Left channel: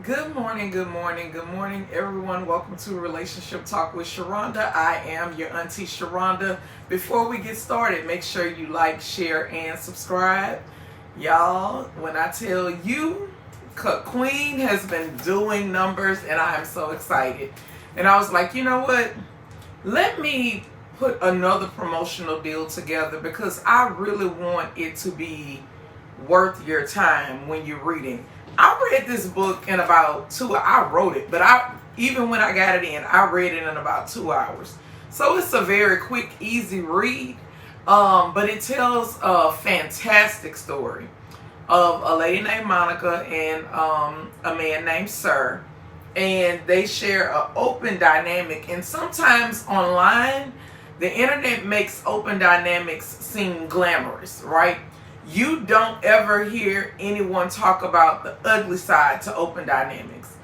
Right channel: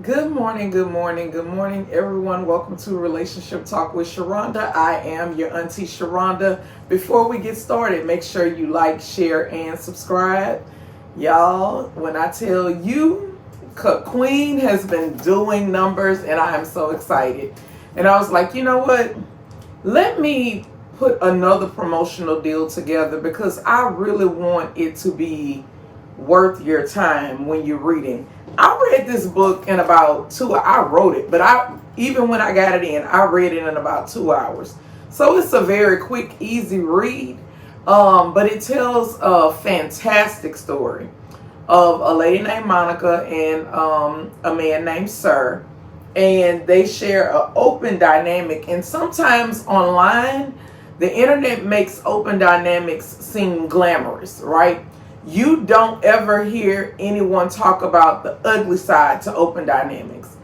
Good morning, good morning, good morning, everyone. Welcome to Relationship Talk with Sharonda. I am your auntie Sharonda. Before we get started, make sure you like, share, and subscribe. Y'all, when I tell you, Queen has been doing numbers, and I am so excited. And I was like, you know what? Let me put another promotional deal together because I really want it to be worth your time when you're reading. I read this book in about I wrote it, but even when I got it in, I read it in about 2 hours. So it's a very quick, easy read. But it tells a fantastic story of a lady named Monica and a man named Sir, and they share an open dynamic. And sometimes online, the internet makes open dynamics seem glamorous, right? You don't ever hear anyone talk about the ugly side to open dynamics.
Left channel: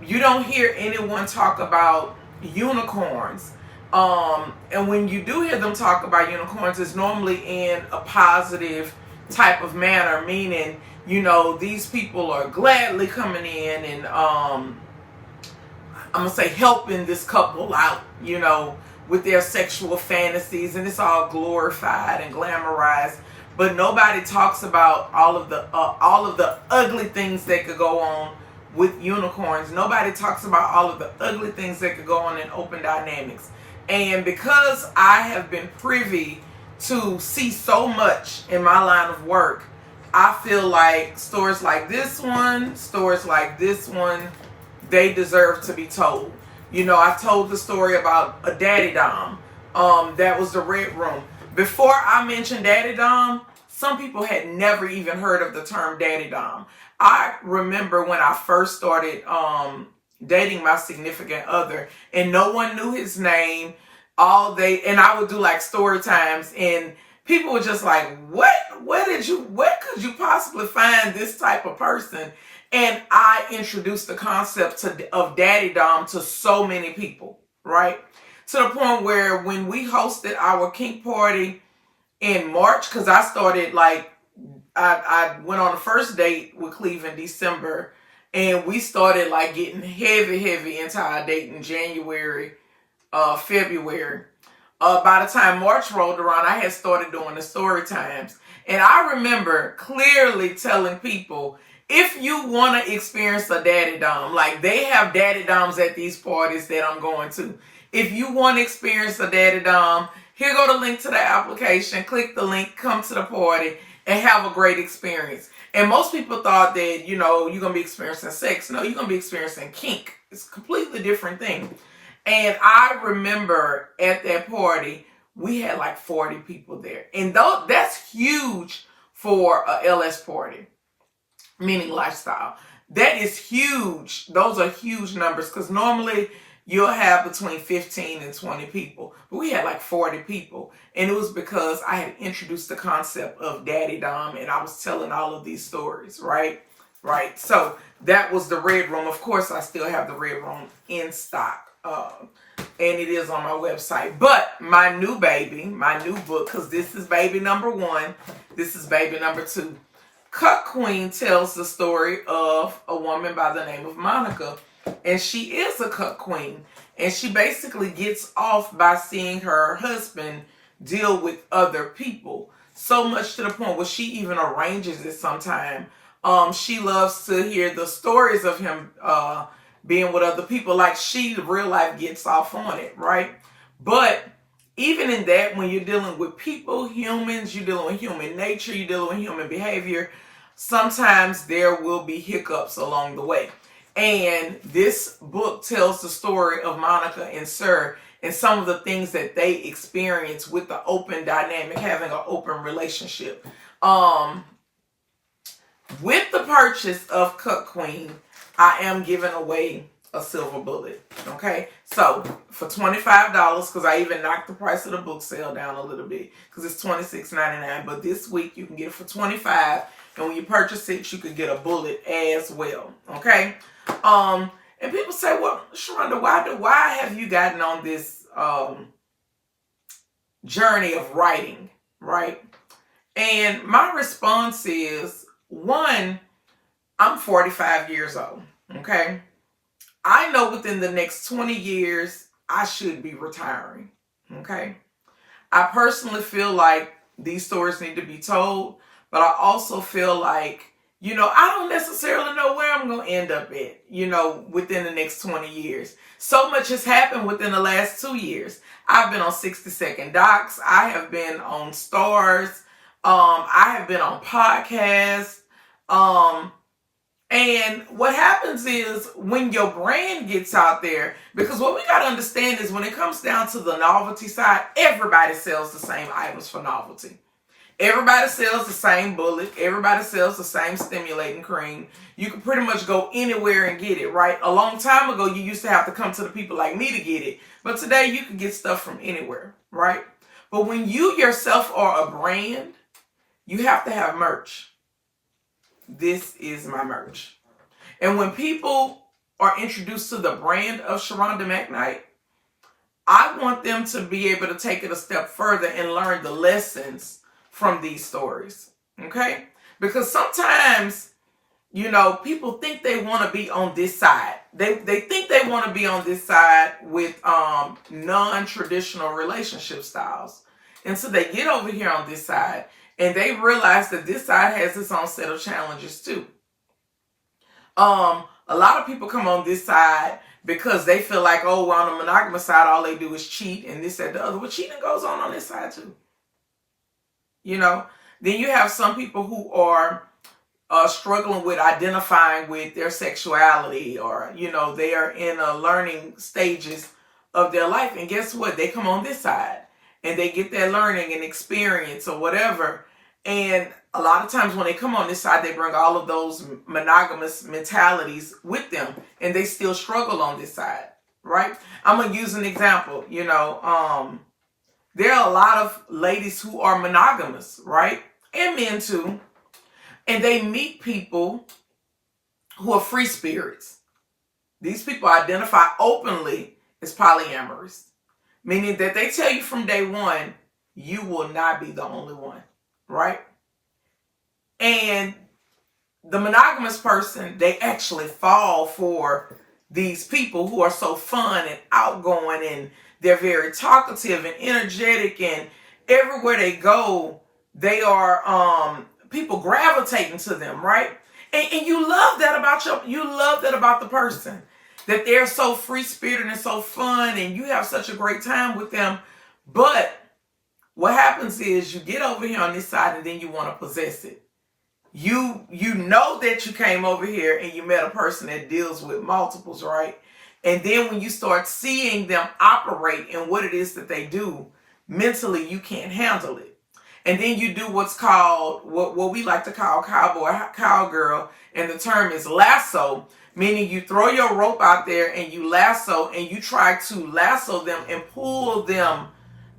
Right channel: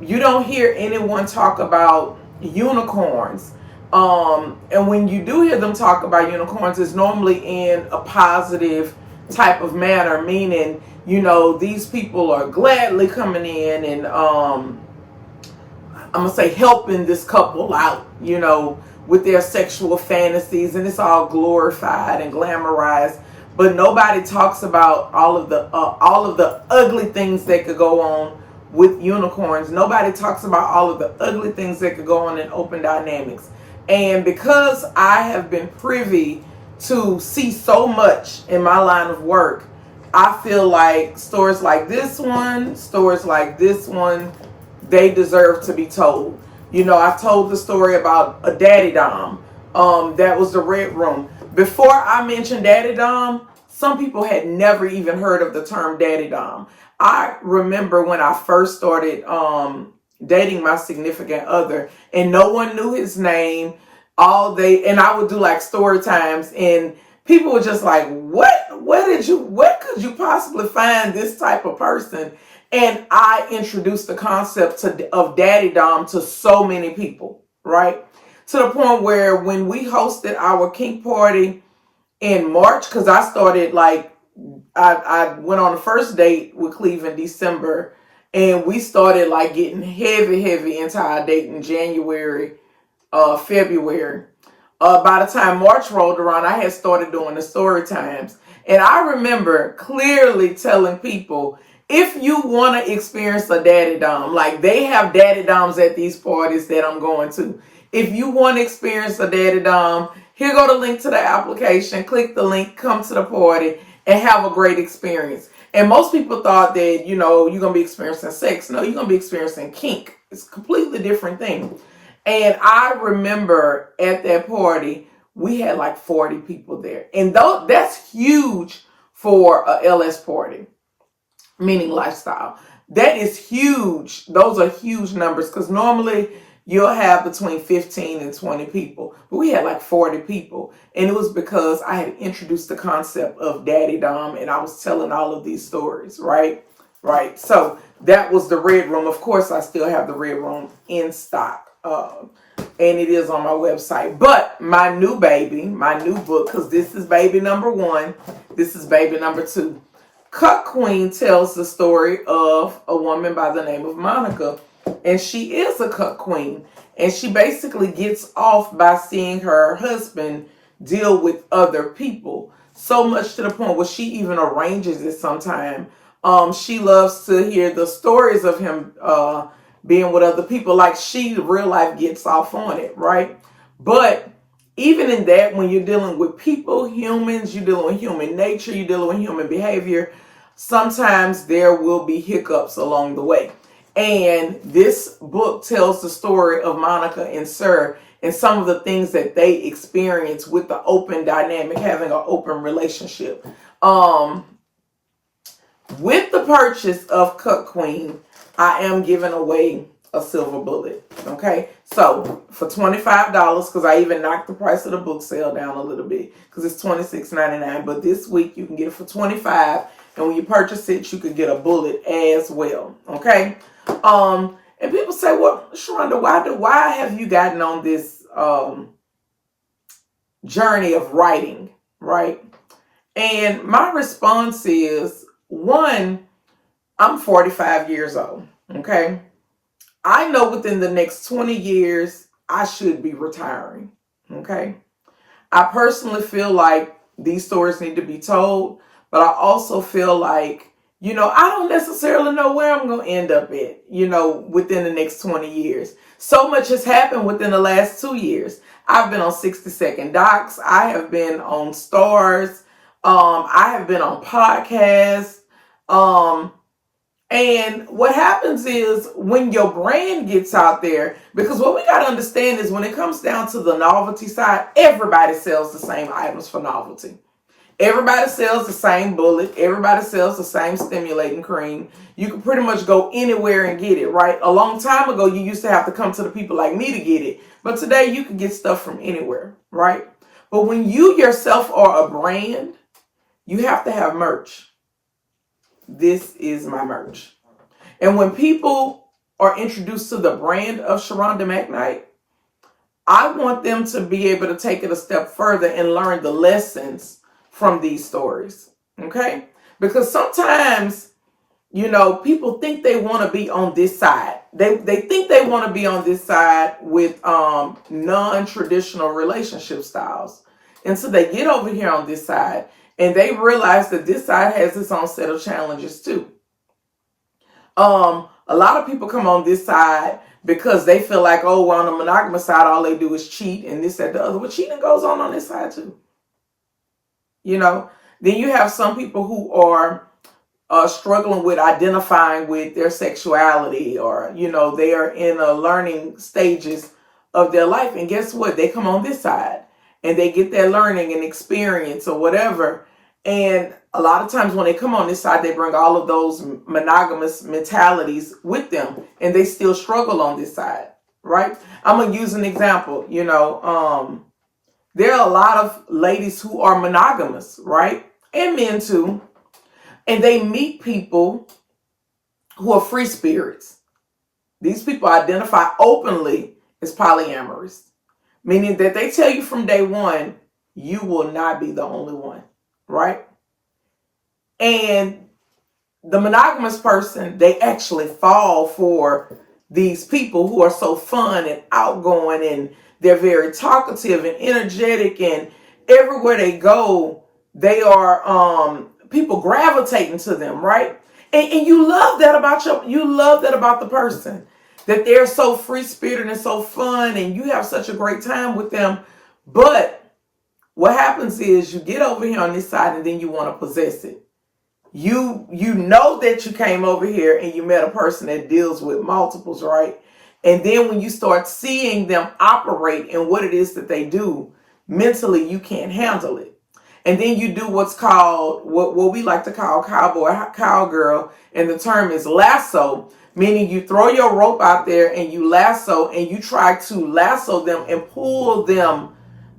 You don't hear anyone talk about unicorns. And when you do hear them talk about unicorns, it's normally in a positive type of manner, meaning, these people are gladly coming in and I'm gonna say helping this couple out, with their sexual fantasies, and it's all glorified and glamorized. But nobody talks about all of the ugly things that could go on with unicorns. Nobody talks about all of the ugly things that could go on in open dynamics. And because I have been privy to see so much in my line of work, I feel like stories like this one, they deserve to be told. I told the story about a daddy dom. That was the red room. Before I mentioned daddy dom, some people had never even heard of the term daddy dom. I remember when I first started dating my significant other, and no one knew his name. And I would do like story times, and people were just like, "What? Where could you possibly find this type of person?" And I introduced the concept of daddy dom to so many people, right? To the point where when we hosted our kink party in March, because I started I went on the first date with Cleve in December, and we started like getting heavy into our date in January, February. By the time March rolled around, I had started doing the story times. And I remember clearly telling people, if you want to experience a daddy dom, like they have daddy doms at these parties that I'm going to. If you want to experience a daddy dom, here go the link to the application. Click the link, come to the party, and have a great experience. And most people thought that, you're going to be experiencing sex. No, you're going to be experiencing kink. It's a completely different thing. And I remember at that party, we had like 40 people there. And that's huge for a LS party, meaning lifestyle. That is huge. Those are huge numbers because normally you'll have between 15 and 20 people. But we had like 40 people. And it was because I had introduced the concept of daddy dom and I was telling all of these stories, right? Right. So that was the red room. Of course, I still have the red room in stock. And it is on my website. But my new book, because this is baby number 1, this is baby number 2. Cut Queen tells the story of a woman by the name of Monica. And she is a cut queen. And she basically gets off by seeing her husband deal with other people. So much to the point where she even arranges it sometime. She loves to hear the stories of him being with other people. Like she, real life, gets off on it, right? But even in that, when you're dealing with people, humans, you're dealing with human nature, you're dealing with human behavior, sometimes there will be hiccups along the way. And this book tells the story of Monica and Sir and some of the things that they experience with the open dynamic, having an open relationship. With the purchase of Cut Queen, I am giving away a silver bullet. Okay, so for $25, because I even knocked the price of the book sale down a little bit because it's $26.99. But this week you can get it for $25, and when you purchase it, you could get a bullet as well. Okay, and people say, "Well, Sharonda, why have you gotten on this journey of writing?" Right, and my response is, one, I'm 45 years old. Okay. I know within the next 20 years, I should be retiring. Okay. I personally feel like these stories need to be told, but I also feel like, I don't necessarily know where I'm going to end up at, within the next 20 years. So much has happened within the last 2 years. I've been on 60-second docs. I have been on stars. I have been on podcasts. And what happens is when your brand gets out there, because what we got to understand is when it comes down to the novelty side, everybody sells the same items for novelty. Everybody sells the same bullet. Everybody sells the same stimulating cream. You can pretty much go anywhere and get it, right? A long time ago, you used to have to come to the people like me to get it. But today, you can get stuff from anywhere, right? But when you yourself are a brand, you have to have merch. This is my merch. And when people are introduced to the brand of Sharonda McKnight, I want them to be able to take it a step further and learn the lessons from these stories. Okay? Because sometimes, people think they want to be on this side. They think they want to be on this side with non-traditional relationship styles. And so they get over here on this side and they realize that this side has its own set of challenges too. A lot of people come on this side because they feel like, oh, on the monogamous side, all they do is cheat and this, that, the other. But cheating goes on this side too. Then you have some people who are struggling with identifying with their sexuality, or, they are in a learning stages of their life. And guess what? They come on this side and they get their learning and experience or whatever. And a lot of times when they come on this side, they bring all of those monogamous mentalities with them and they still struggle on this side, right? I'm going to use an example. There are a lot of ladies who are monogamous, right? And men too. And they meet people who are free spirits. These people identify openly as polyamorous, meaning that they tell you from day one, you will not be the only one, right? And the monogamous person, they actually fall for these people who are so fun and outgoing, and they're very talkative and energetic, and everywhere they go, they are people gravitating to them, right? And you love that about the person, that they're so free-spirited and so fun, and you have such a great time with them. But what happens is you get over here on this side and then you want to possess it. You know that you came over here and you met a person that deals with multiples, right? And then when you start seeing them operate and what it is that they do, mentally you can't handle it. And then you do what's called, what we like to call cowgirl, and the term is lasso, meaning you throw your rope out there and you lasso and you try to lasso them and pull them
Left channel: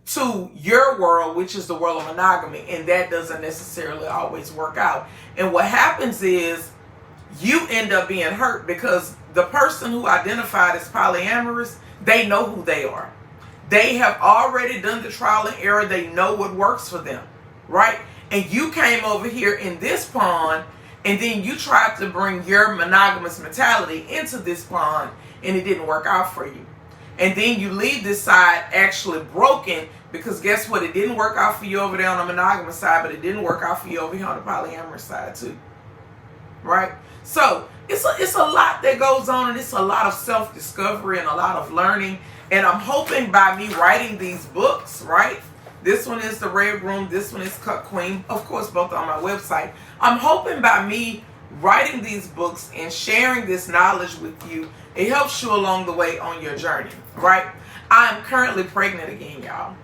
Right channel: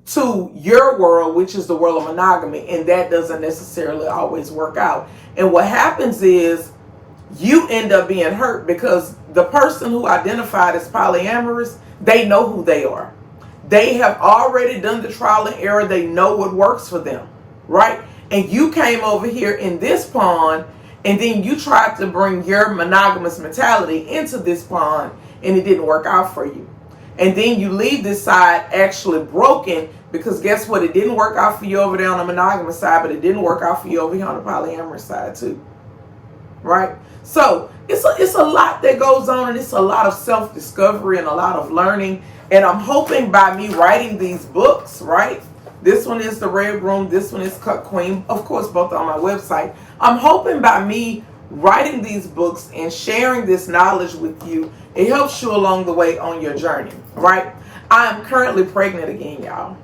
to your world, which is the world of monogamy. And that doesn't necessarily always work out. And what happens is you end up being hurt because the person who identified as polyamorous, they know who they are. They have already done the trial and error. They know what works for them, right? And you came over here in this pond and then you tried to bring your monogamous mentality into this pond and it didn't work out for you. And then you leave this side actually broken because guess what? It didn't work out for you over there on the monogamous side, but it didn't work out for you over here on the polyamorous side too. Right? So it's a lot that goes on, and it's a lot of self-discovery and a lot of learning. And I'm hoping by me writing these books, right? This one is The Red Room. This one is Cut Queen. Of course, both on my website. I'm hoping by me writing these books and sharing this knowledge with you, it helps you along the way on your journey, right? I'm currently pregnant again, y'all.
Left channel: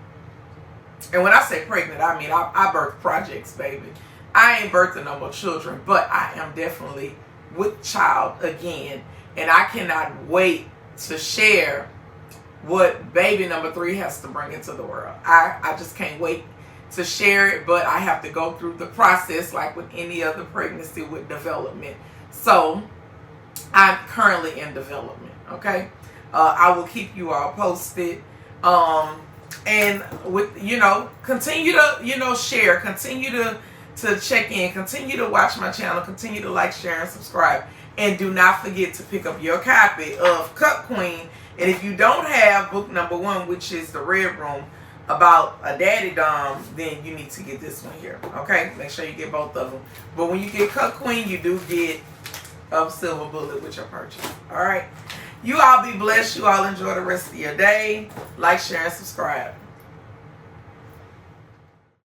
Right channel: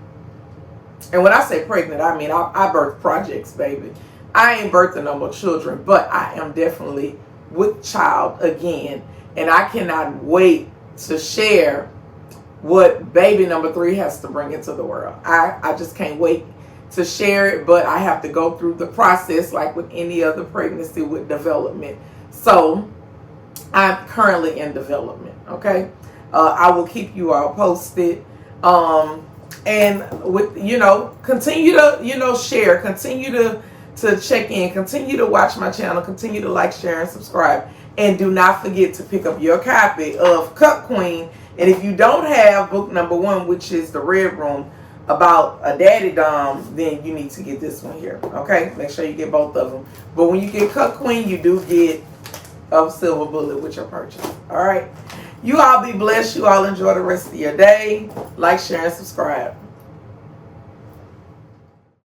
And when I say pregnant, I mean I birth projects, baby. I ain't birthing no more children, but I am definitely with child again. And I cannot wait to share what baby number 3 has to bring into the world. I just can't wait to share it, but I have to go through the process like with any other pregnancy with development. So I'm currently in development, okay? I will keep you all posted. And with, continue to, share, continue to to check in. Continue to watch my channel. Continue to like, share, and subscribe. And do not forget to pick up your copy of Cup Queen. And if you don't have book number 1, which is The Red Room, about a daddy dom, then you need to get this one here. Okay? Make sure you get both of them. But when you get Cup Queen, you do get a silver bullet with your purchase. All right? You all be blessed. You all enjoy the rest of your day. Like, share, and subscribe.